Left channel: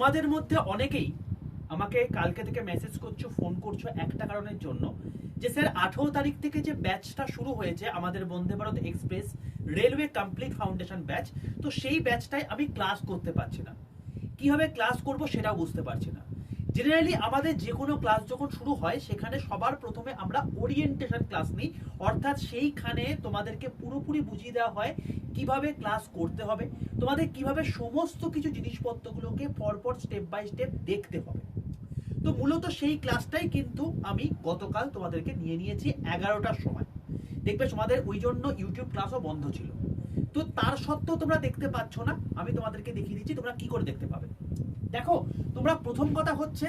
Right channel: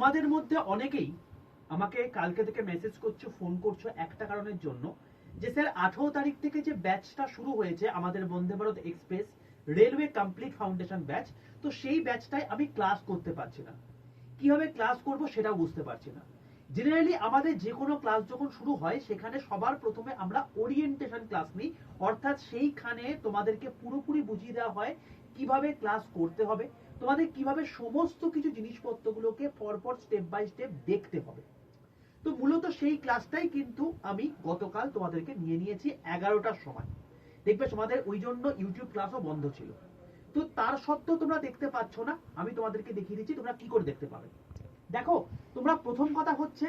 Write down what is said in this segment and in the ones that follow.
তোমাদের মধ্যে অনেকেই আমাকে কালকে থেকে মেসেজ করছো, ফোন করছো একটা কারণের জন্য, যে স্যার 18 তারিখ থেকে যে ব্যাচটা শুরু হয়েছে আমাদের Vande Bharat express railway complete foundation batch, তো সেই ব্যাচটায় আমি ক্লাস করতে পারছি না, কিভাবে ক্লাস করব সেটাও বুঝতে পারছি না। জেনারেলি আমাদের যে কোনো ক্লাস যখন শুরু হয় সেখানে সবার প্রথমে আমরা ওরিয়েন্টেশন ক্লাস নিই, অর্থাৎ সেইখানে তোমাদেরকে পুরোপুরি বুঝিয়ে দেওয়া হয় কিভাবে ক্লাস করতে হবে, তোমাদের কিভাবে সমস্ত কিছু জিনিসপত্রগুলোকে পরপর স্টেপ বাই স্টেপ দেখতে হবে। তো মূলত সেই ক্লাসটাই কিন্তু আমি গতকাল তোমাদেরকে নিয়ে নিয়েছি 11টার সময়। দেখবে তোমাদের ওই জন্য ইউটিউব ক্লাসও বন্ধ ছিল, তো তার সত্ত্বেও তোমরা দেখতে পাচ্ছ না। আমি তোমাদেরকে দেখিয়ে দিচ্ছি তোমরা কি করে দেখতে পাবে। দেখো, তোমরা প্রথম কথা হচ্ছে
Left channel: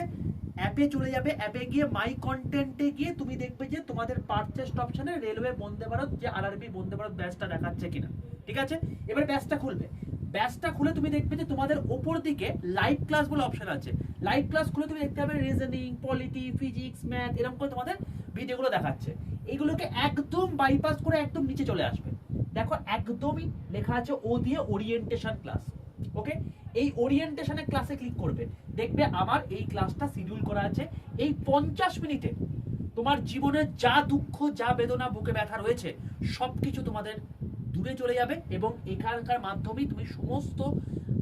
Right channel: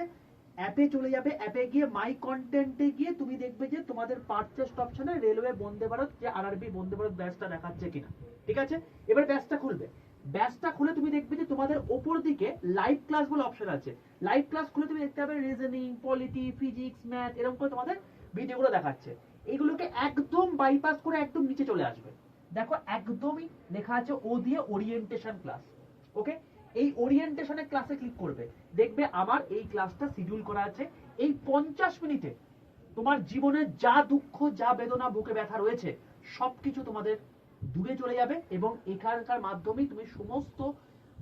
অ্যাপে চলে যাবে, অ্যাপে গিয়ে মাই কন্টেন্টে গিয়ে তুমি দেখবে যে তোমাদের পারচেজ অপশনে রেলওয়ে বন্দে ভারত যে আরআরবি বন্দে ভারত ব্যাচটা দেখাচ্ছে কিনা। ঠিক আছে, এবার ব্যাচটা খুলবে, ব্যাচটা খুলে তুমি দেখবে যে তোমাদের ওপর দিকে লাইভ ক্লাস বলে অপশন আছে। লাইভ ক্লাস খুলে তুমি দেখতে পাবে রিজনিং, পলিটি, ফিজিক্স, ম্যাথ, এরকম করে তোমাদের ভিডিওগুলো দেখাচ্ছে। এগুলোকে একদম বাইপাস করে একদম নিচে চলে আসবে। দেখো একদমই লেখা আছে ও দিয়ে ওরিয়েন্টেশন ক্লাস। ওকে, এই ওরিয়েন্টেশনের ক্লাসে ক্লিক করবে, দেখবে আমার এই ক্লাসটা শিডিউল করা আছে এই 50 মিনিটে তোমার জীবনের যা দুঃখ, যা বেদনা, বুকে ব্যথা রয়েছে সবকিছু তোমাদের দূরে চলে যাবে এবং এখানকার মাধ্যমেই তুমি সমস্ত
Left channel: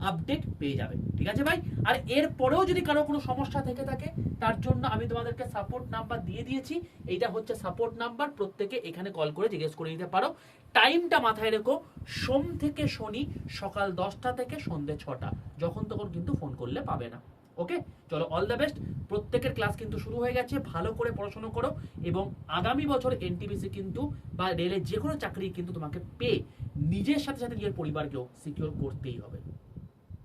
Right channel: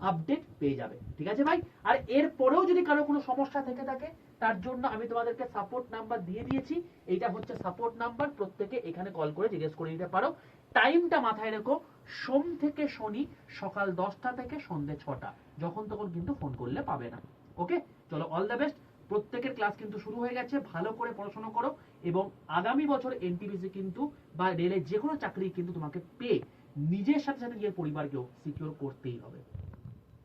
আপডেট পেয়ে যাবে। ঠিক আছে ভাই? আর এর পরেও যদি কারো কোনো সমস্যা থেকে থাকে তার জন্য আমি তোমাদেরকে সাপোর্ট নাম্বার দিয়ে দিয়েছি। এইটা হচ্ছে সাপোর্ট নাম্বার, প্রত্যেকে এখানে কল করে জিজ্ঞেস করে দিতে পারো। টাইমটা মাথায় রেখো, সোম থেকে শনি সকাল 10টা থেকে সন্ধ্যে 6টা, যখন তখন কিন্তু ফোন করলে পাবে না। ওকে, চলো, অল দ্য বেস্ট। প্রত্যেকের ক্লাস কিন্তু শুরু হয়ে গেছে, ভালো করে পড়াশোনা করো এবং আগামী বছর এনটিপিসি কিন্তু বা রেলের যে কোনো চাকরি কিন্তু তোমাকে পেয়ে নিজের সাথে সাথে নিজের পরিবারকেও সিকিউর করতেই হবে।